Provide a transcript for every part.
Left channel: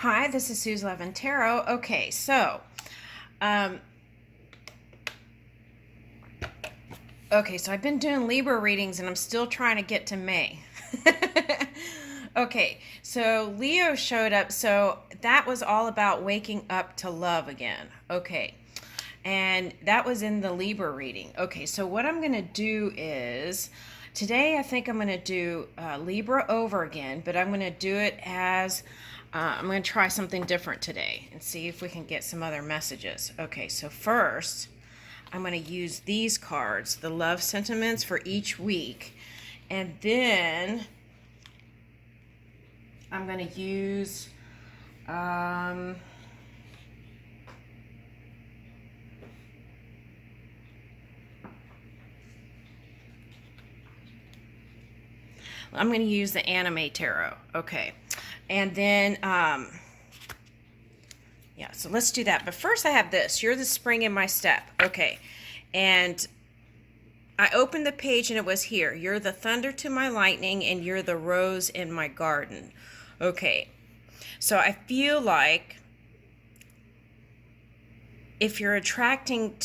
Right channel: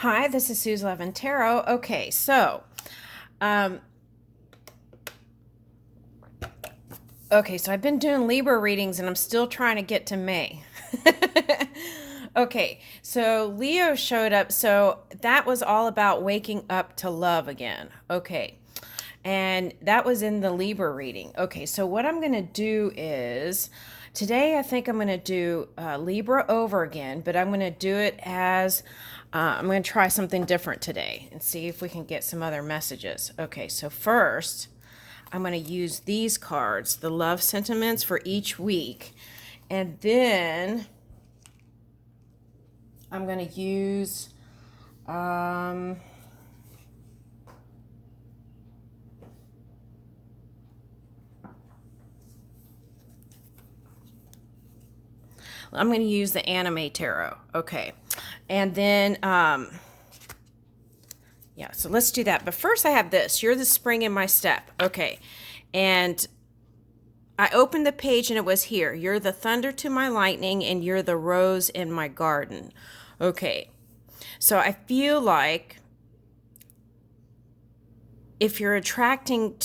Hi, this is Suze Levin Tarot. Okay, so, um, I've been doing Libra readings and I'm still trying to get to May. Okay, so Leo showed up, so that was all about waking up to love again. Okay, and that was in the Libra reading. Okay, so what I'm going to do is today I think I'm going to do Libra over again, but I'm going to do it as I'm going to try something different today and see if we can get some other messages. Okay, so first I'm going to use these cards, the love sentiments for each week, and then I'm going to use um, I'm going to use the anime tarot. Okay. And then, yeah, so let's do that. But first I have this. You're the spring in my step. Okay. And I opened the page and it was here. You're the thunder to my lightning and you're the rose in my garden. Okay. So I feel like if you're attracting,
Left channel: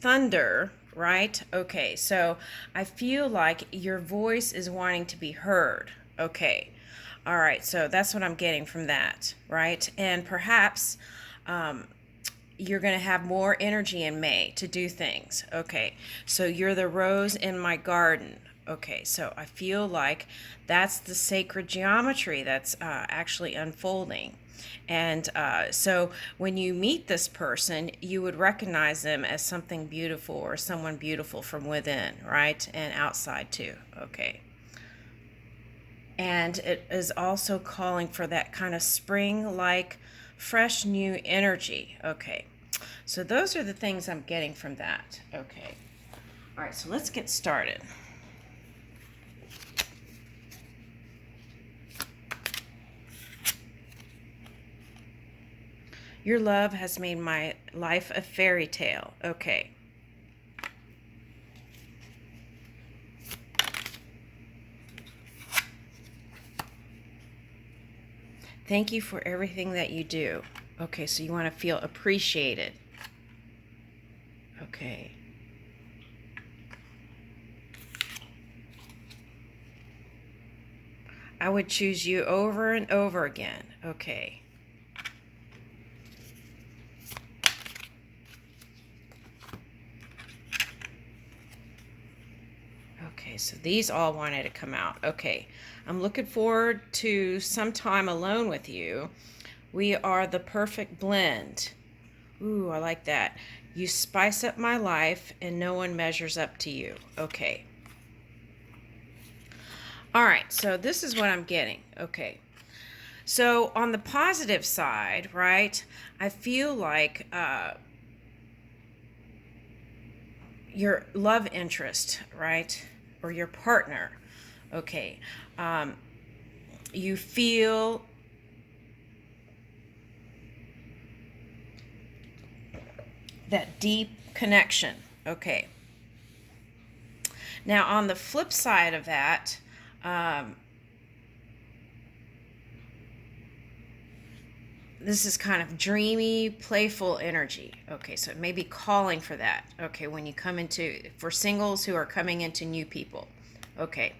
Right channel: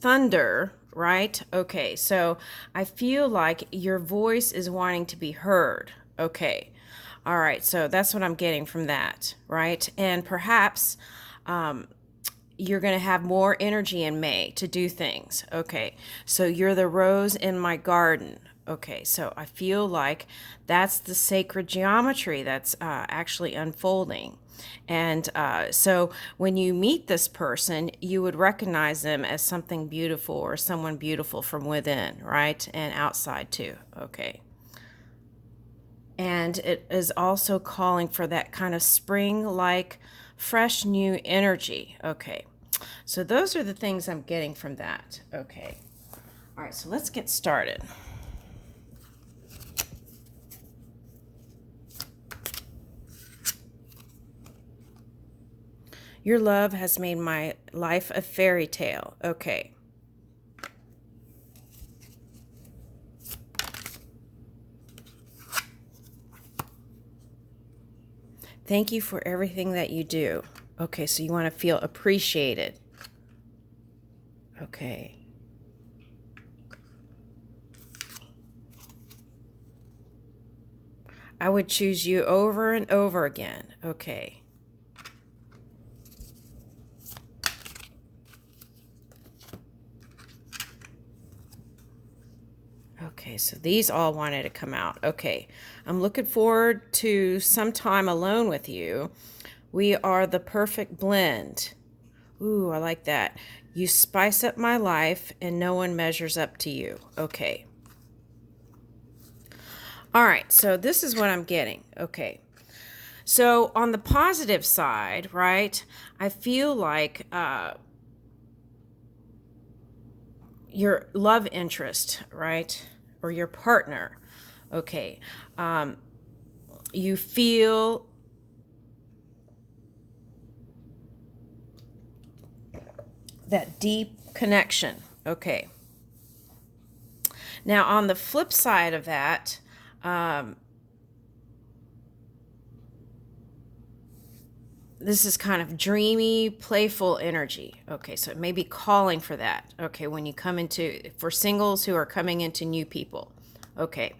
thunder, right? Okay, so I feel like your voice is wanting to be heard. Okay, all right, so that's what I'm getting from that, right? And perhaps you're going to have more energy in May to do things. Okay, so you're the rose in my garden. Okay, so I feel like that's the sacred geometry that's actually unfolding. And so when you meet this person, you would recognize them as something beautiful or someone beautiful from within, right? And outside too. Okay. And it is also calling for that kind of spring like fresh new energy. Okay. So those are the things I'm getting from that. Okay. All right, so let's get started. Your love has made my life a fairy tale. Okay. Thank you for everything that you do. Okay, so you want to feel appreciated. Okay. I would choose you over and over again. Okay. Okay, so these all wanted to come out. Okay, I'm looking forward to some time alone with you. We are the perfect blend. Ooh, I like that. You spice up my life and no one measures up to you. Okay. All right, so this is what I'm getting. Okay. So on the positive side, right, I feel like your love interest, right, or your partner, okay, you feel that deep connection, okay. Now on the flip side of that, this is kind of dreamy, playful energy. Okay, so it may be calling for that. Okay, when you come into, for singles who are coming into new people. Okay,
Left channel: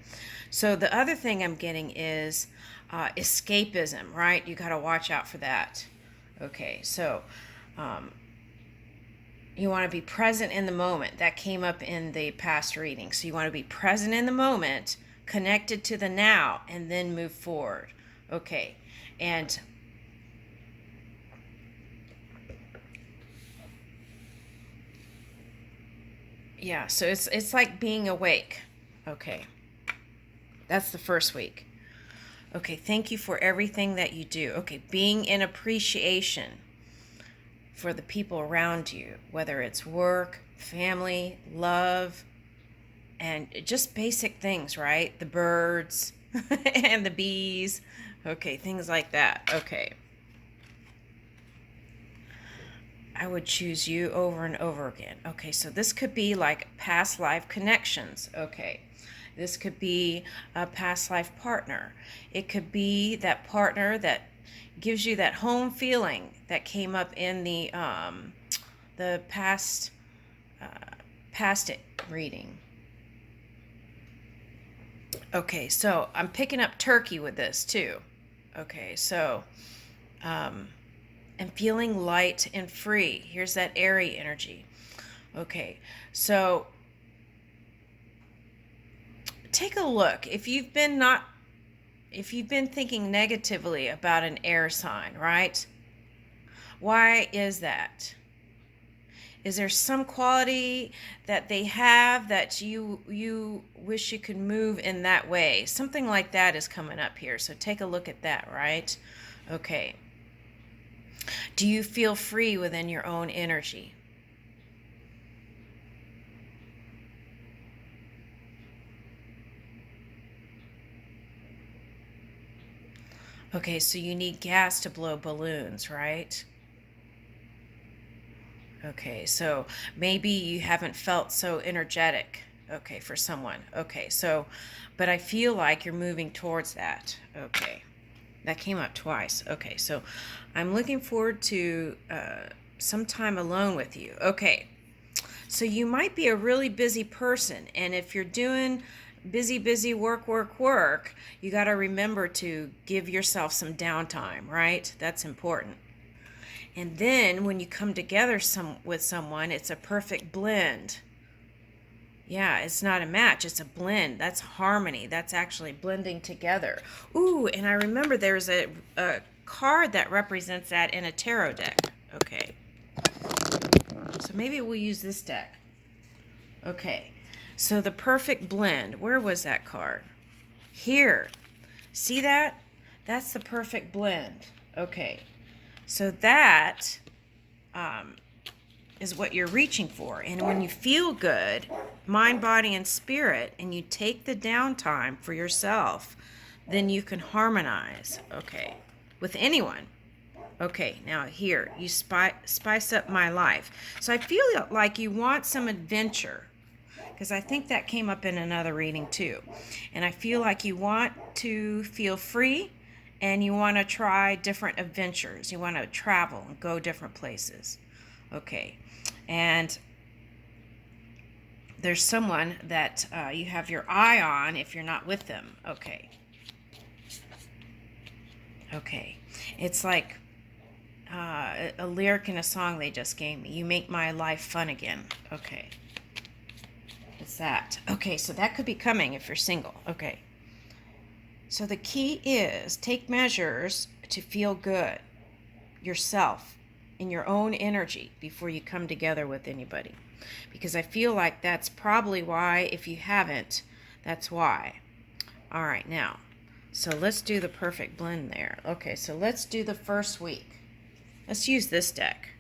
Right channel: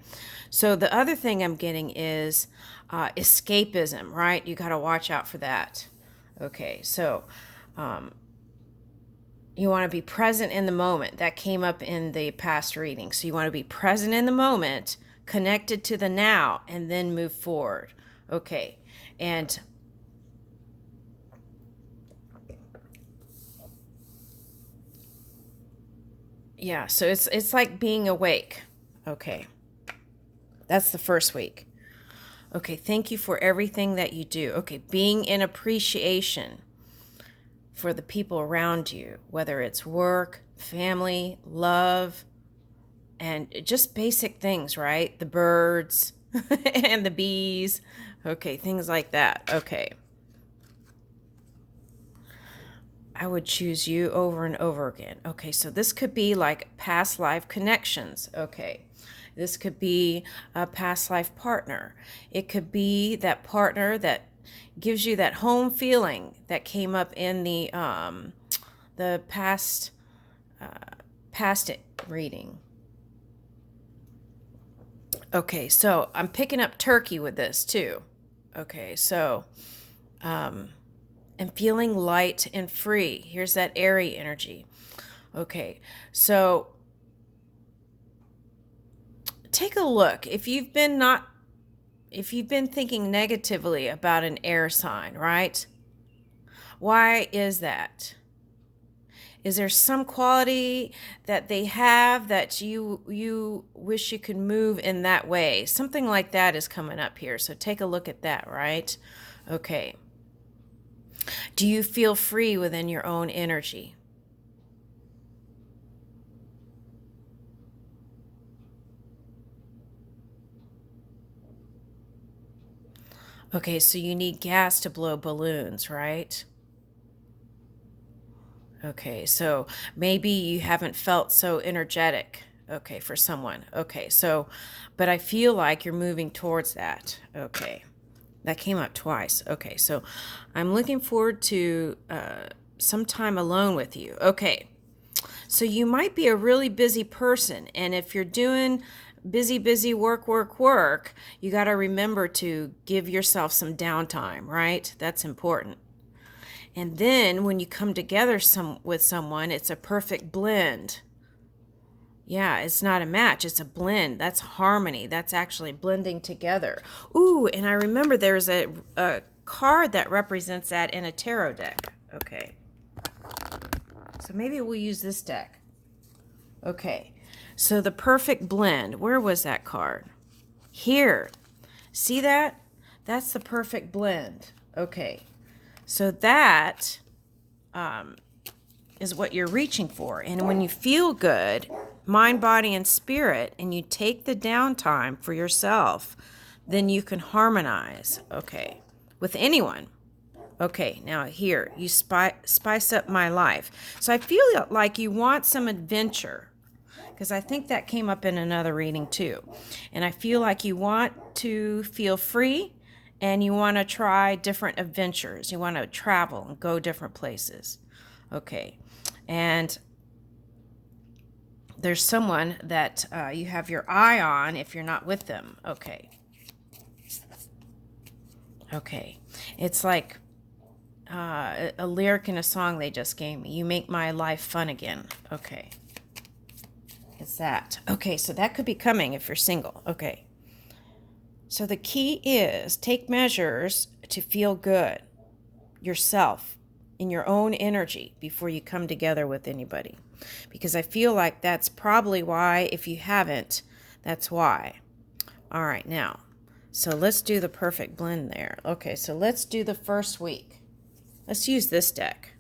so the other thing I'm getting is escapism, right? You got to watch out for that. Okay, so you want to be present in the moment. That came up in the past reading. So you want to be present in the moment, connected to the now, and then move forward. Okay, and yeah, so it's like being awake. Okay. That's the first week. Okay, thank you for everything that you do. Okay, being in appreciation for the people around you, whether it's work, family, love, and just basic things, right? The birds and the bees. Okay, things like that. Okay. I would choose you over and over again. Okay, so this could be like past life connections. Okay, This could be a past life partner. It could be that partner that gives you that home feeling that came up in the past reading. Okay, so I'm picking up Turkey with this too. Okay, so and feeling light and free. Here's that airy energy. Okay, so take a look. If you've been thinking negatively about an air sign, right? Why is that? Is there some quality that they have that you wish you could move in that way? Something like that is coming up here. So take a look at that, right? Okay. Do you feel free within your own energy? Okay, so you need gas to blow balloons, right? Okay, so maybe you haven't felt so energetic, okay, for someone. Okay, so, but I feel like you're moving towards that. Okay, that came up twice. Okay, so I'm looking forward to some time alone with you. Okay, so you might be a really busy person, and if you're doing busy work, you got to remember to give yourself some downtime, right? That's important. And then when you come together with someone, it's a perfect blend. Yeah, it's not a match, it's a blend. That's harmony. That's actually blending together. Ooh, and I remember there's a card that represents that in a tarot deck. Okay. So maybe we'll use this deck. Okay. So the perfect blend. Where was that card? Here. See that? That's the perfect blend. Okay. So that is what you're reaching for. And when you feel good, mind, body, and spirit, and you take the downtime for yourself, then you can harmonize, okay, with anyone. Okay, now here, you spice up my life. So I feel like you want some adventure, because I think that came up in another reading too. And I feel like you want to feel free, and you want to try different adventures. You want to travel and go different places. Okay. And there's someone that you have your eye on if you're not with them. Okay. Okay. It's like a lyric in a song they just gave me. You make my life fun again. Okay. It's that. Okay, so that could be coming if you're single. Okay. So the key is take measures to feel good yourself in your own energy before you come together with anybody. Because I feel like that's probably why, if you haven't, that's why. All right, now, so let's do the perfect blend there. Okay, so let's do the first week. Let's use this deck.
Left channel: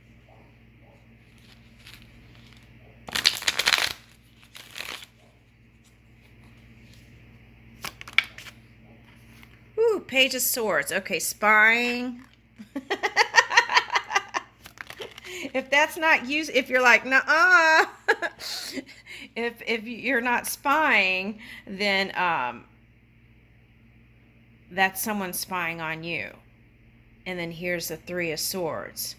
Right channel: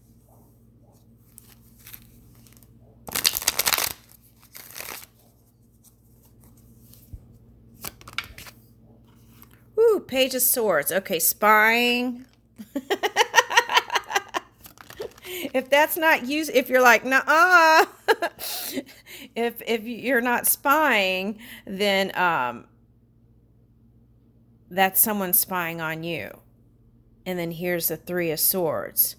Ooh, Page of Swords. Okay, spying. If that's not used, if you're like, nah, if you're not spying, then that's someone spying on you. And then here's the Three of Swords.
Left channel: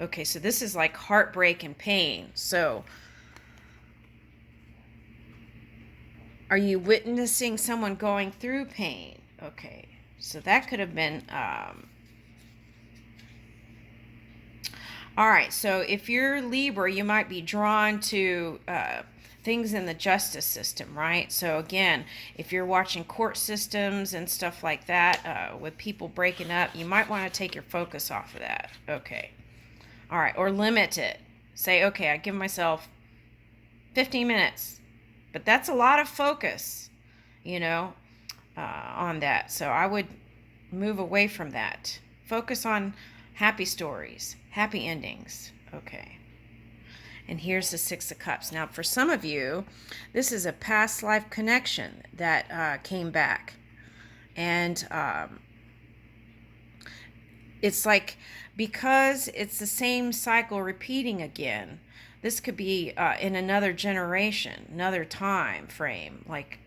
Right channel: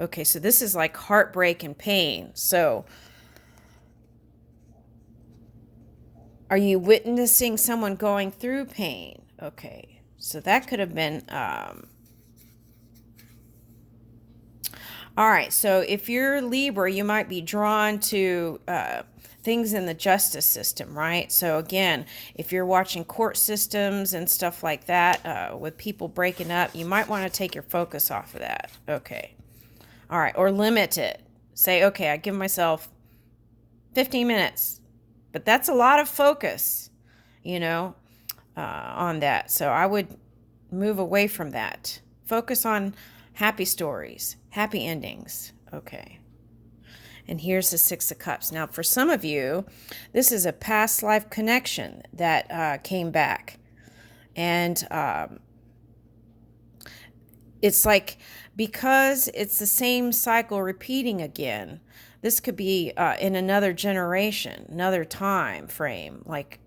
Okay, so this is like heartbreak and pain. So are you witnessing someone going through pain? Okay, so that could have been all right, so if you're Libra, you might be drawn to things in the justice system, right? So again, if you're watching court systems and stuff like that, with people breaking up, you might want to take your focus off of that. Okay. All right, or limit it. Say, okay, I give myself 15 minutes, but that's a lot of focus, on that. So I would move away from that. Focus on happy stories, happy endings. Okay. And here's the Six of Cups. Now, for some of you, this is a past life connection that came back. And it's like, because it's the same cycle repeating again, this could be in another generation, another time frame. Like,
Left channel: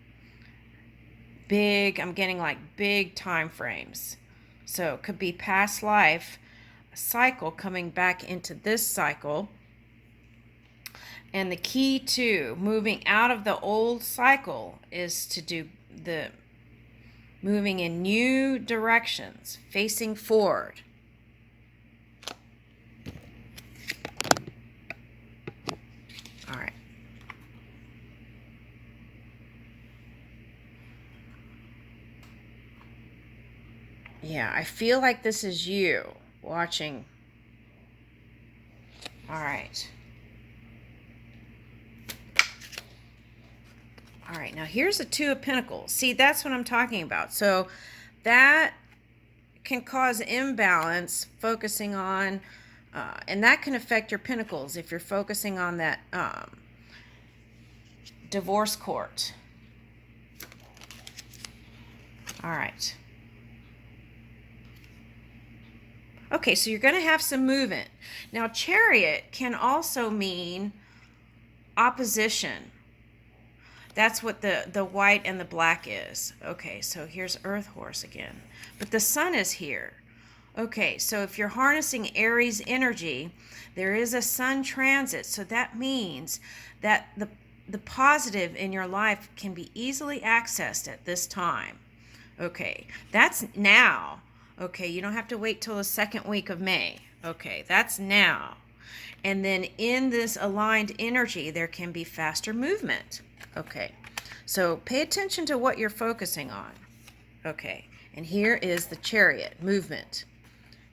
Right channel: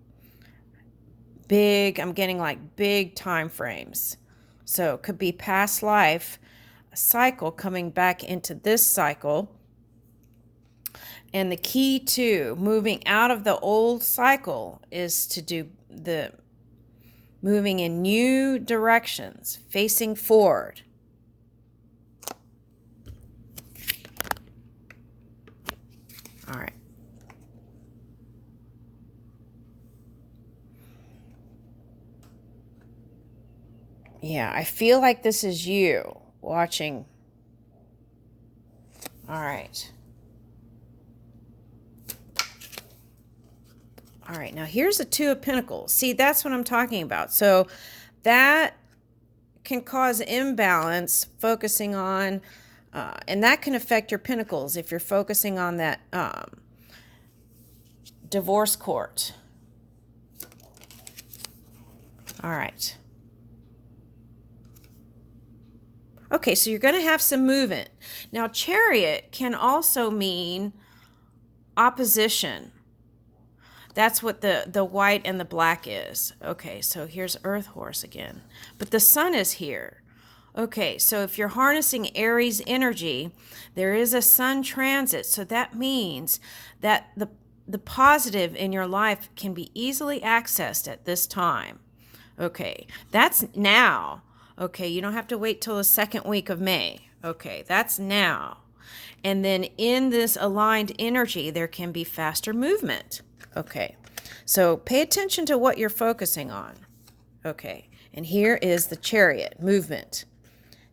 big, I'm getting like big time frames. So it could be past life, a cycle coming back into this cycle. And the key to moving out of the old cycle is to do the moving in new directions, facing forward. All right. Yeah, I feel like this is you watching. All right. All right, now here's the Two of Pentacles. See, that's what I'm talking about. So that can cause imbalance focusing on, and that can affect your pentacles if you're focusing on that divorce court. All right. Okay, so you're going to have some movement. Now, Chariot can also mean opposition. That's what the white and the black is. Okay, so here's Earth Horse again. But the sun is here. Okay, so if you're harnessing Aries energy, there is a sun transit. So that means that the positive in your life can be easily accessed at this time. Okay, that's now. Okay, you don't have to wait till the second week of May. Okay, that's now. And then in this aligned energy, there can be faster movement. Okay, so pay attention to what you're focusing on. Okay, and here is the Chariot movement.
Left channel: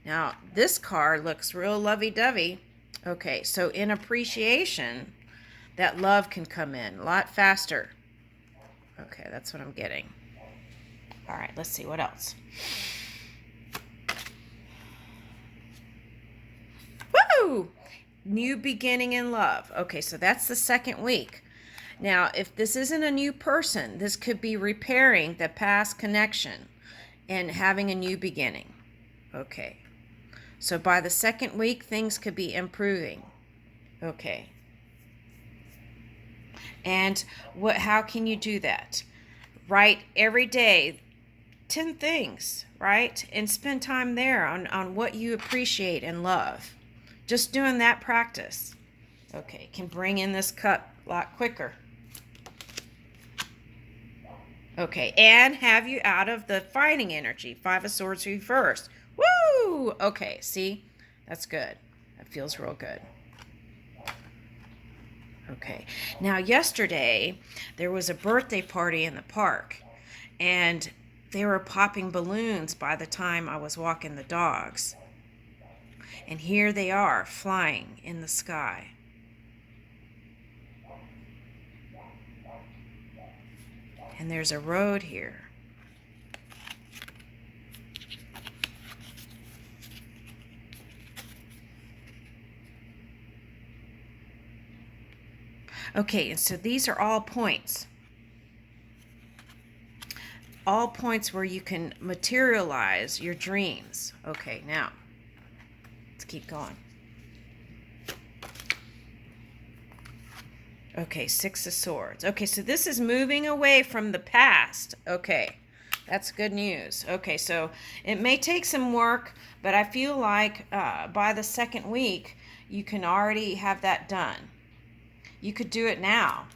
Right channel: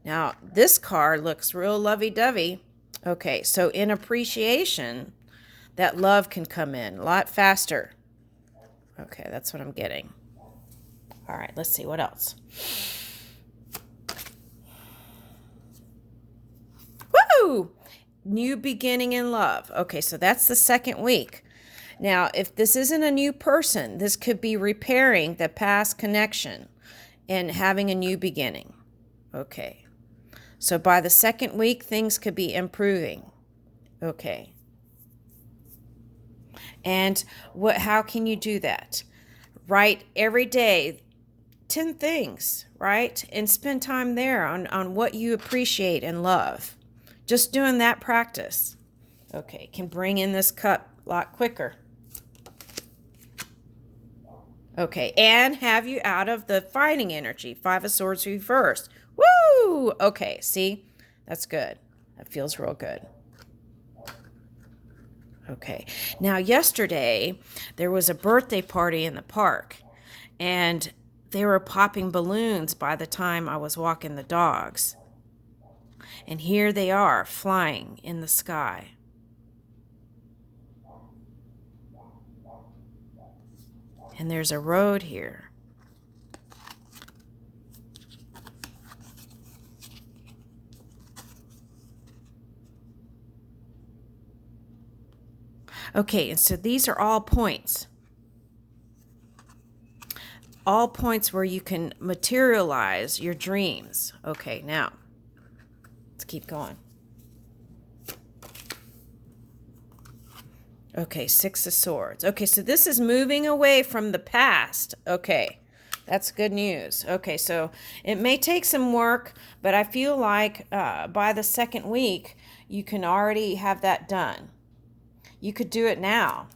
Now, this card looks real lovey-dovey. Okay, so in appreciation, that love can come in a lot faster. Okay, that's what I'm getting. All right, let's see what else. Woo! New beginning in love. Okay, so that's the second week. Now, if this isn't a new person, this could be repairing the past connection and having a new beginning. Okay. So by the second week, things could be improving. Okay. And how can you do that? Write every day 10 things, right? And spend time there on what you appreciate and love. Just doing that practice, okay, can bring in this cup a lot quicker. Okay, and have you out of the fighting energy. Five of Swords reversed. Woo! Okay, see? That's good. That feels real good. Okay, now yesterday there was a birthday party in the park, and they were popping balloons by the time I was walking the dogs. And here they are, flying in the sky. And there's a road here. Okay, and so these are all points. All points where you can materialize your dreams. Okay, now, let's keep going. Okay, Six of Swords. Okay, so this is moving away from the past. Okay, that's good news. Okay, so it may take some work, but I feel like by the second week, you can already have that done. You could do it now.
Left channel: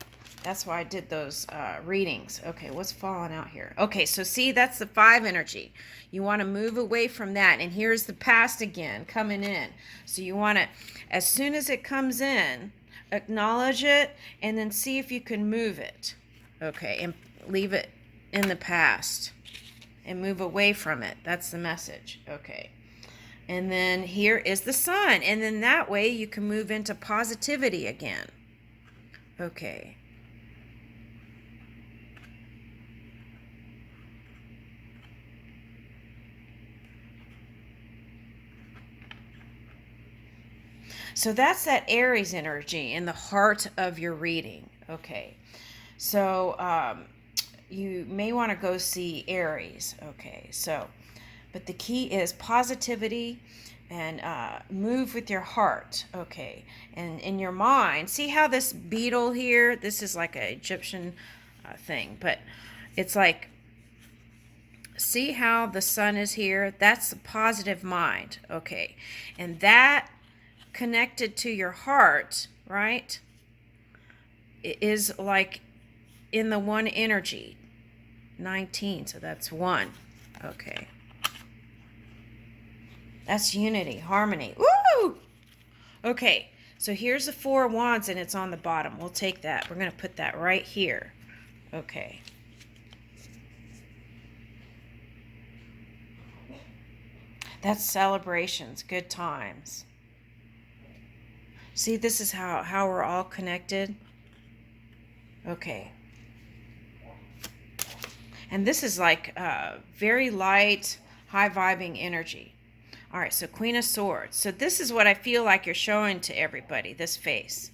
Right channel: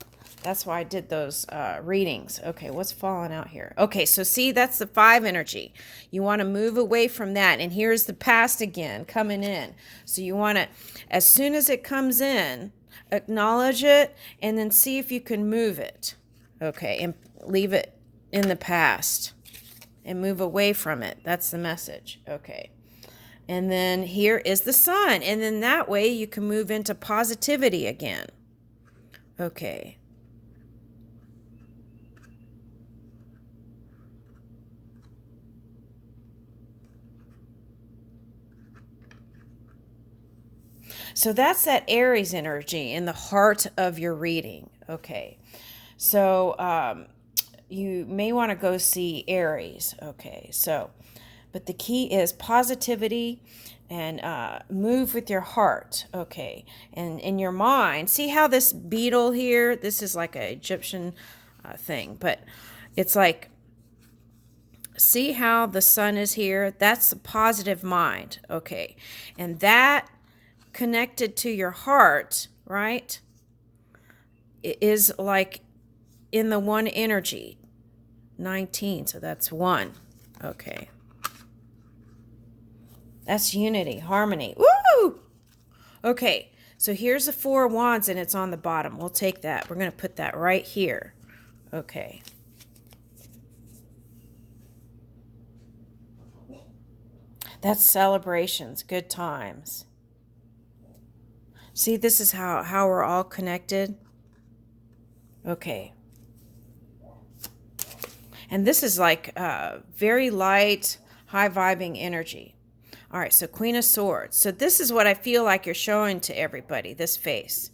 That's why I did those readings. Okay, what's falling out here? Okay, so see, that's the 5 energy. You want to move away from that. And here's the past again coming in. So you want to, as soon as it comes in, acknowledge it and then see if you can move it. Okay, and leave it in the past and move away from it. That's the message. Okay. And then here is the sun. And then that way you can move into positivity again. Okay. So that's that Aries energy in the heart of your reading. Okay. So you may want to go see Aries. Okay. So, but the key is positivity and move with your heart. Okay. And in your mind, see how this beetle here, this is like an Egyptian thing, but it's like See how the sun is here? That's the positive mind. Okay. And that connected to your heart, right, is like in the one energy. 19, so that's 1. Okay. That's unity, harmony. Woo! Okay, so here's the 4 of Wands and it's on the bottom. We'll take that. We're going to put that right here. Okay. That's celebrations, good times. See, this is how we're all connected. Okay. And this is like very light, high-vibing energy. All right, so Queen of Swords. So this is what I feel like you're showing to everybody, this face.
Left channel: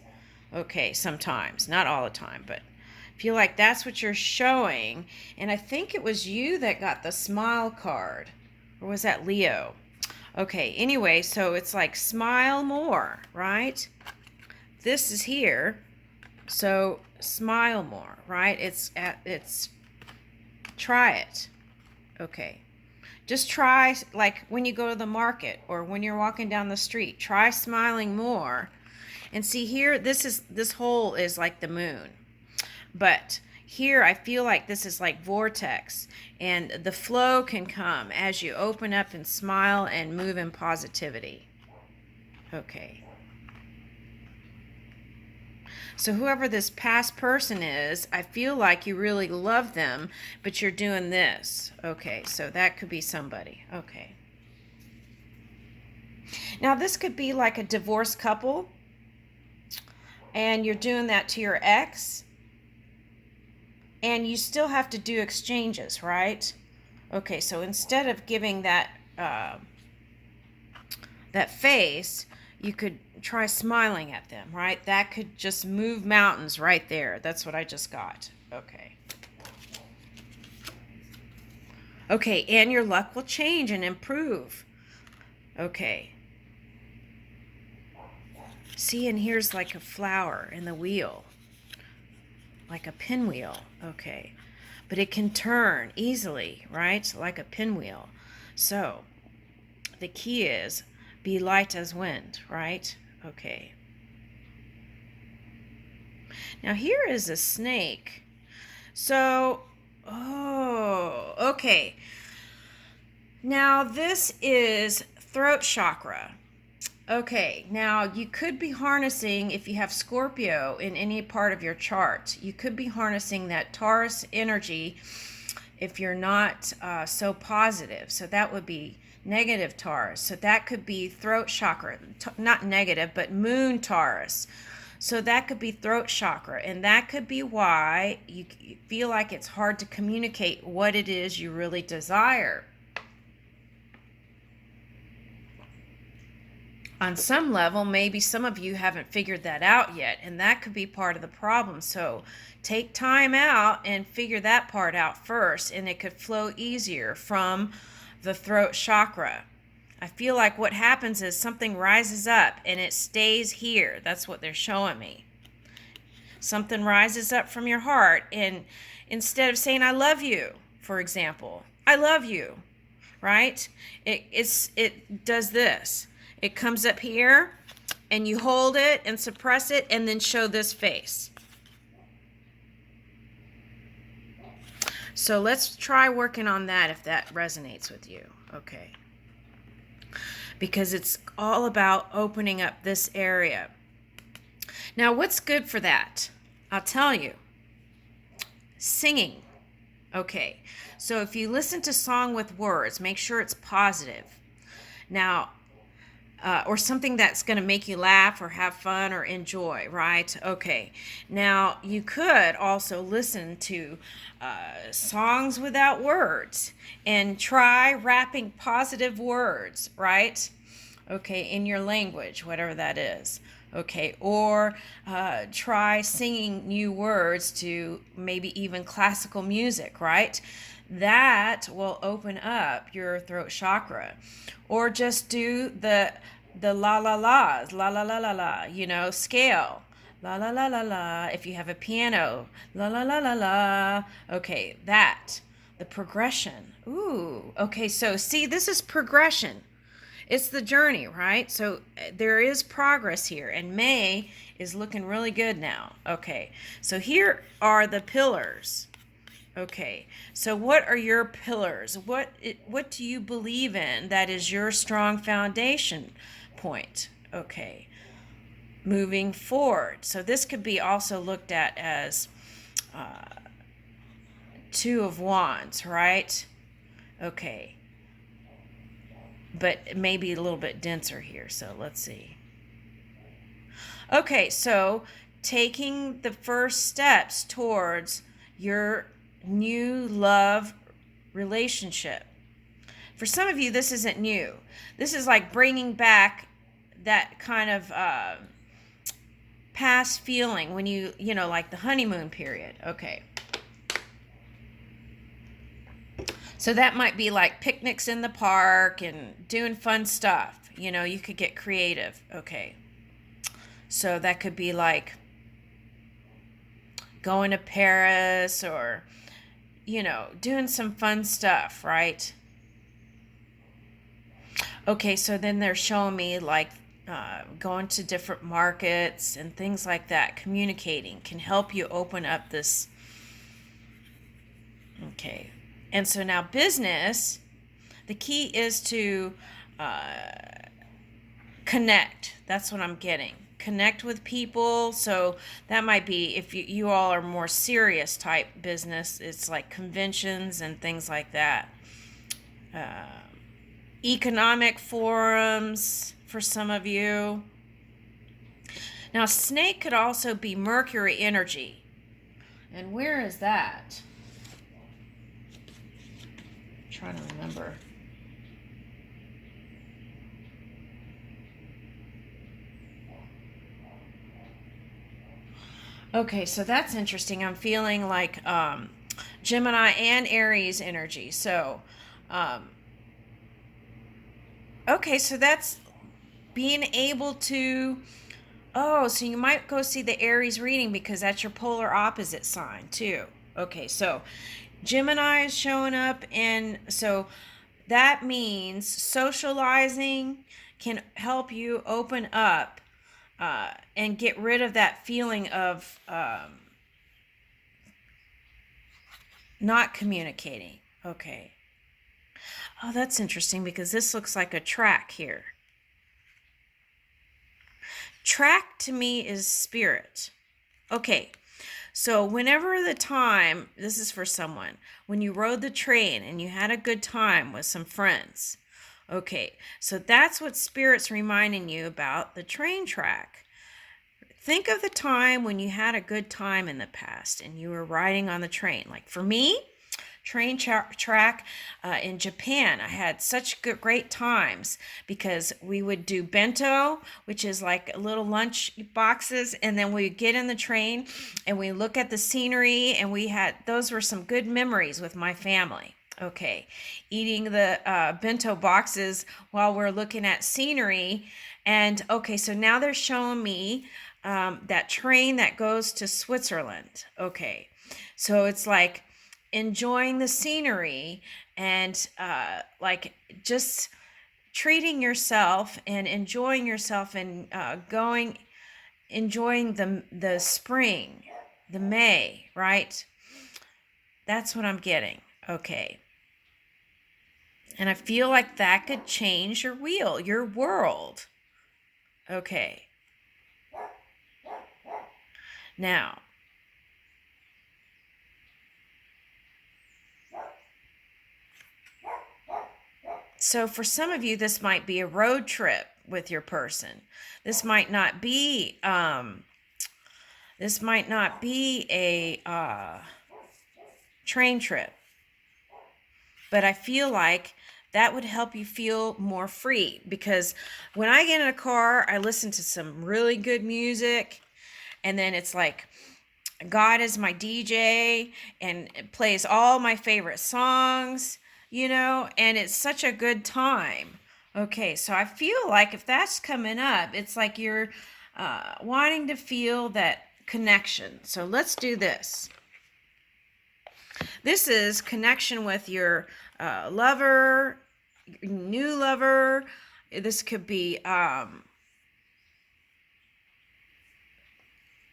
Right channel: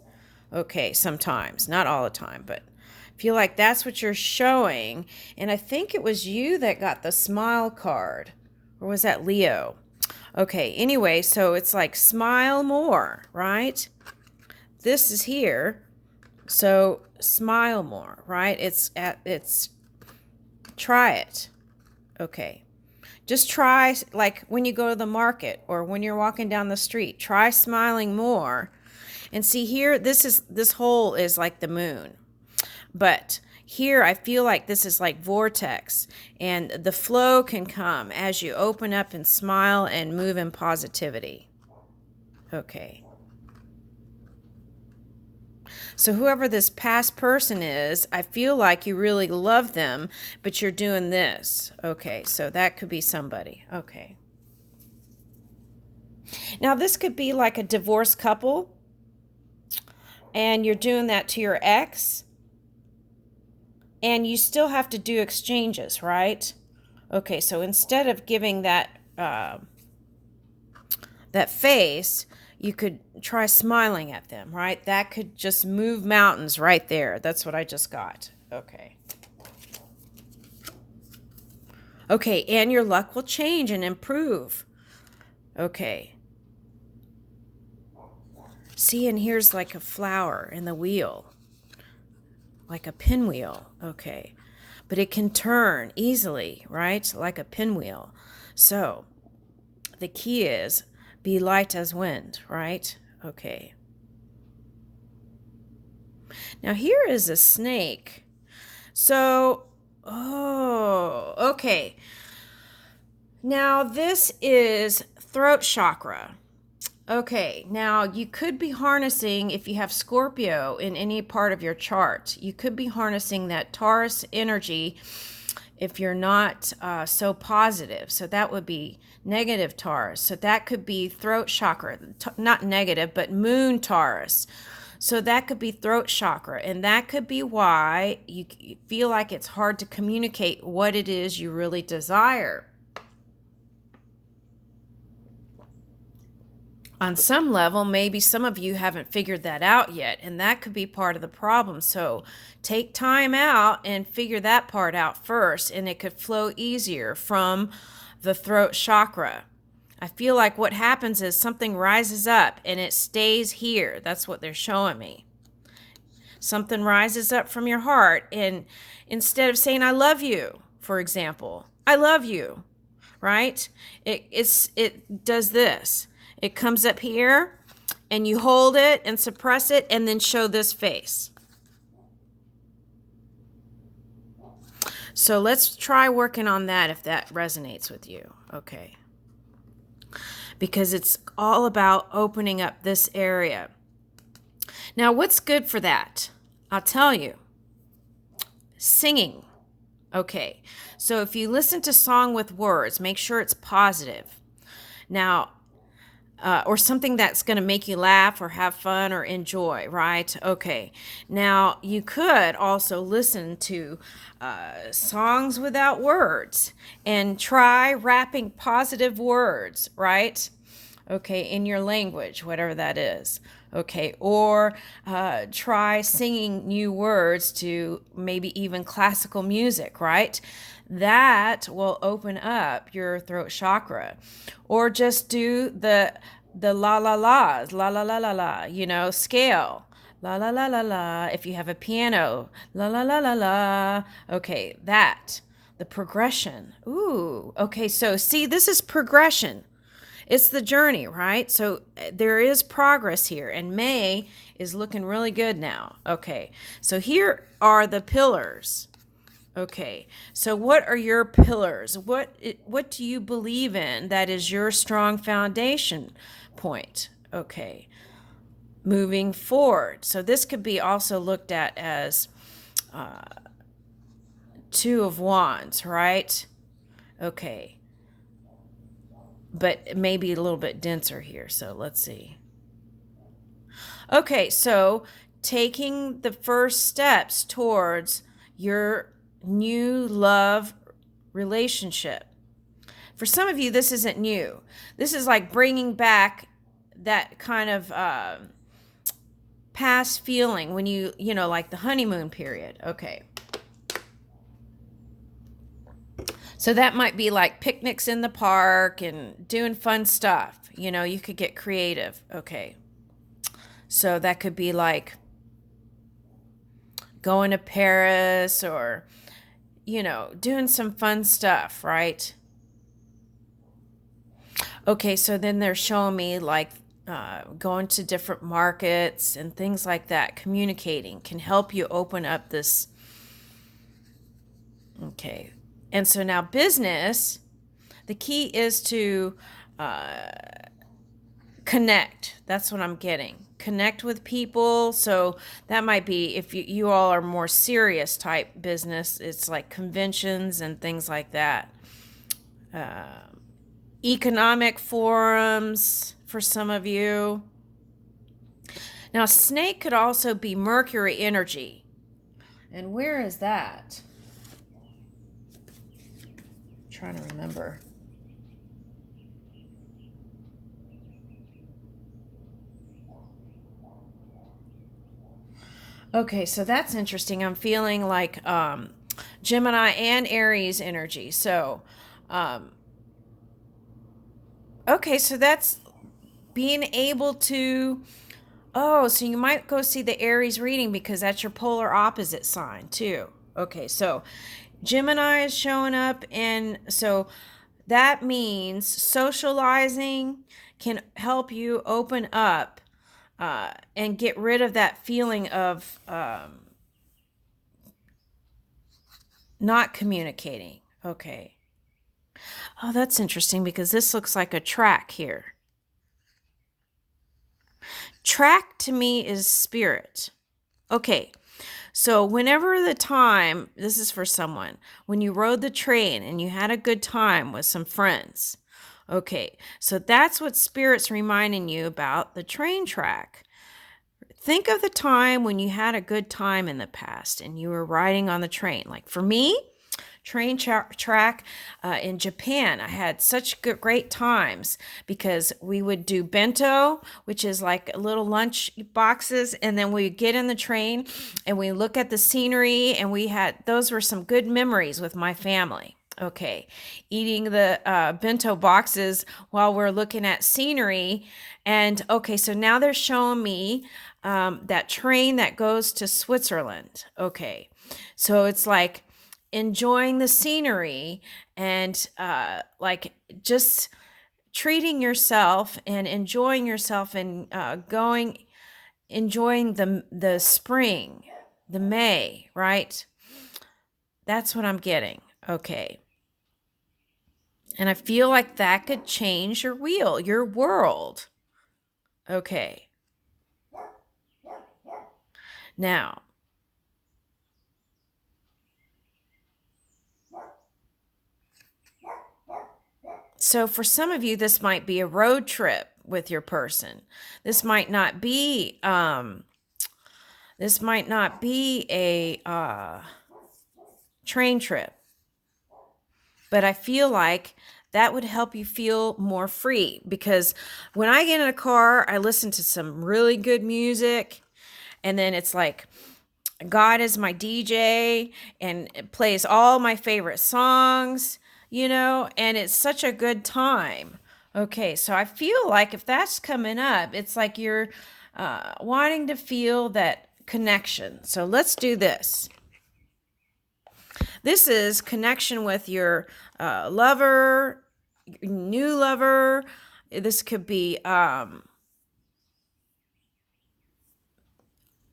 Okay, sometimes. Not all the time, but I feel like that's what you're showing. And I think it was you that got the smile card. Or was that Leo? Okay, anyway, so it's like smile more, right? This is here. So smile more, right? It's try it. Okay. Just try, like when you go to the market or when you're walking down the street, try smiling more. And see here, this hole is like the moon. But here I feel like this is like vortex, and the flow can come as you open up and smile and move in positivity. Okay. So whoever this past person is, I feel like you really love them, but you're doing this. Okay, so that could be somebody. Okay. Now this could be like a divorced couple, and you're doing that to your ex, and you still have to do exchanges, right? Okay, so instead of giving that that face, you could try smiling at them, right? That could just move mountains right there. That's what I just got. Okay. Okay, and your luck will change and improve. Okay. See, and here's like a flower in the wheel. Like a pinwheel. Okay. But it can turn easily, right? Like a pinwheel. So, the key is be light as wind, right? Okay. Now here is a snake. So, oh, okay. Now this is throat chakra. Okay, now you could be harnessing, if you have Scorpio in any part of your chart, you could be harnessing that Taurus energy if you're not so positive. So that would be negative Taurus. So that could be throat chakra, not negative, but moon Taurus. So that could be throat chakra. And that could be why you feel like it's hard to communicate what it is you really desire. On some level, maybe some of you haven't figured that out yet, and that could be part of the problem. So take time out and figure that part out first, and it could flow easier from the throat chakra. I feel like what happens is something rises up and it stays here. That's what they're showing me. Something rises up from your heart, and instead of saying I love you, for example, I love you, right? It does this. It comes up here, and you hold it and suppress it, and then show this face. So let's try working on that if that resonates with you. Okay. Because it's all about opening up this area. Now, what's good for that? I'll tell you. Singing. Okay. So if you listen to song with words, make sure it's positive. Now, or something that's going to make you laugh or have fun or enjoy, right? Okay. Now, you could also listen to songs without words and try rapping positive words, right? Okay, in your language, whatever that is. Okay, or try singing new words to maybe even classical music, right? That will open up your throat chakra. Or just do the la la la's, la la la la la, you know, scale. La la la la la. If you have a piano, la la la la la. Okay, that. The progression. Ooh, okay, so see, this is progression. It's the journey, right? So there is progress here, and May is looking really good now. Okay, so here are the pillars. Okay, so what are your pillars? What do you believe in that is your strong foundation point? Okay, moving forward. So this could be also looked at as Two of Wands, right? Okay, but maybe a little bit denser here. So let's see. Okay, so taking the first steps towards your new love relationship. For some of you, this isn't new. This is like bringing back that kind of past feeling when you know, like the honeymoon period. Okay. So that might be like picnics in the park and doing fun stuff. You know, you could get creative. Okay. So that could be like going to Paris or, you know, doing some fun stuff, right? Okay, so then they're showing me like going to different markets and things like that. Communicating can help you open up this. Okay. And so now business, the key is to connect. That's what I'm getting. Connect with people. So that might be, if you all are more serious type business, it's like conventions and things like that. Economic forums for some of you. Now, snake could also be Mercury energy. And where is that? I'm trying to remember. Okay, so that's interesting. I'm feeling like Gemini and Aries energy. So, okay, so that's being able to. Oh, so you might go see the Aries reading because that's your polar opposite sign too. Okay, so Gemini is showing up, and so that means socializing can help you open up and get rid of that feeling of not communicating. Okay. Oh, that's interesting because this looks like a track here. Track to me is spirit. Okay. So whenever the time, this is for someone, when you rode the train and you had a good time with some friends. Okay. So that's what spirit's reminding you about the train track. Think of the time when you had a good time in the past and you were riding on the train. Like for me, train track in Japan, I had such great times because we would do bento, which is like little lunch boxes, and then we get in the train and we look at the scenery, and those were some good memories with my family. Okay, eating the bento boxes while we're looking at scenery. And okay, so now they're showing me that train that goes to Switzerland. Okay, so it's like enjoying the scenery and like just treating yourself and enjoying yourself and enjoying the spring, the May, right? That's what I'm getting. Okay. And I feel like that could change your world. Okay. Now, so for some of you, this might be a road trip with your person. This might not be a train trip. But I feel like that would help you feel more free, because when I get in a car, I listen to some really good music, and then it's like God is my DJ and it plays all my favorite songs, and it's such a good time. Okay, so I feel like if that's coming up, it's like you're wanting to feel that connection. So let's do this. this is connection with your lover, new lover. This could be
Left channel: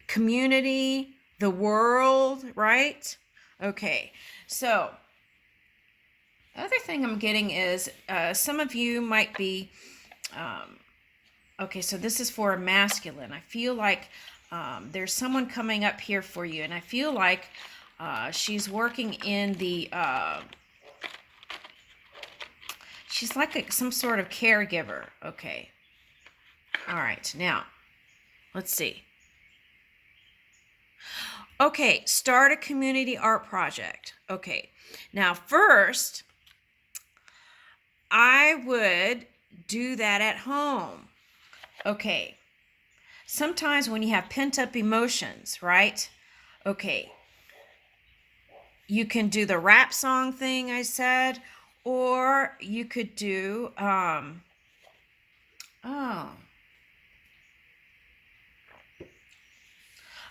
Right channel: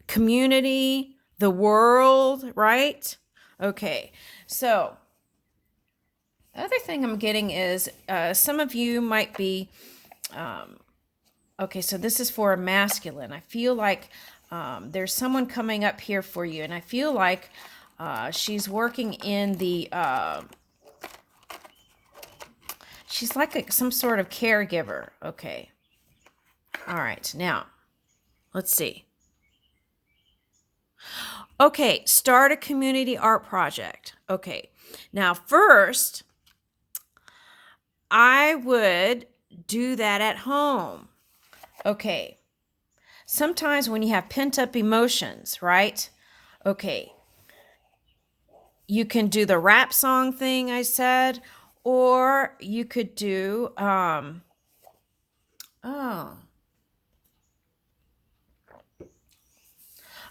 community, the world, right? Okay, so the other thing I'm getting is some of you might be, okay, so this is for a masculine. I feel like there's someone coming up here for you, and I feel like she's working in the, she's like some sort of caregiver. Okay. All right, now, let's see. Okay, start a community art project. Okay, now first, I would do that at home. Okay, sometimes when you have pent up emotions, right? Okay, you can do the rap song thing I said, or you could do, all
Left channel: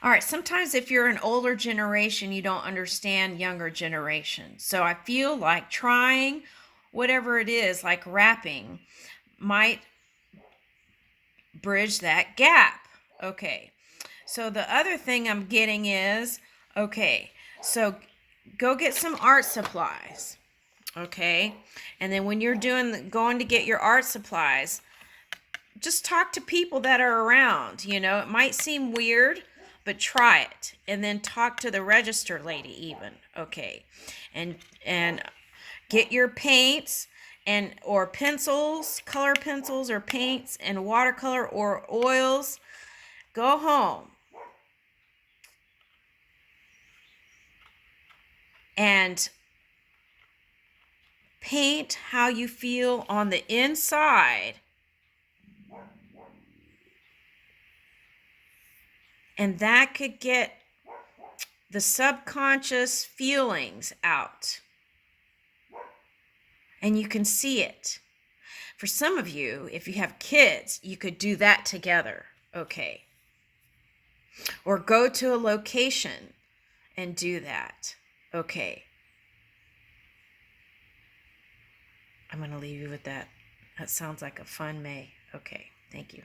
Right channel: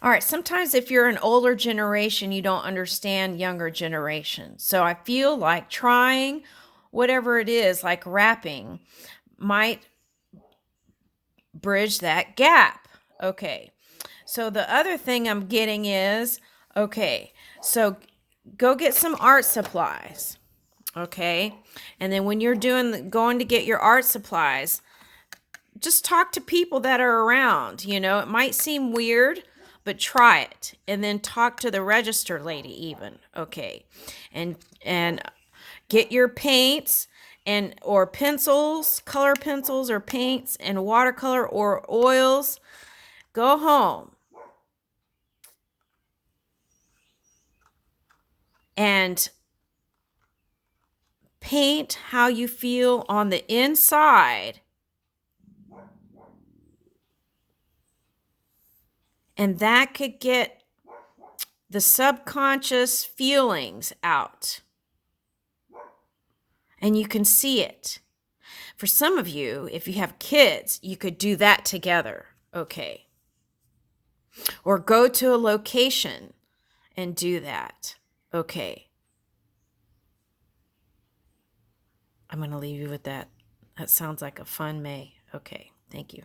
right, sometimes if you're an older generation, you don't understand younger generations. So I feel like trying whatever it is, like rapping, might bridge that gap. Okay. So the other thing I'm getting is, okay, so go get some art supplies. Okay. And then when you're going to get your art supplies, just talk to people that are around. You know, it might seem weird, but try it. And then talk to the register lady even. Okay. And get your paints and or pencils, color pencils or paints and watercolor or oils. Go home and paint how you feel on the inside. And that could get the subconscious feelings out. And you can see it. For some of you, if you have kids, you could do that together. Okay. Or go to a location and do that. Okay. I'm going to leave you with that. That sounds like a fun May. Okay. Thank you.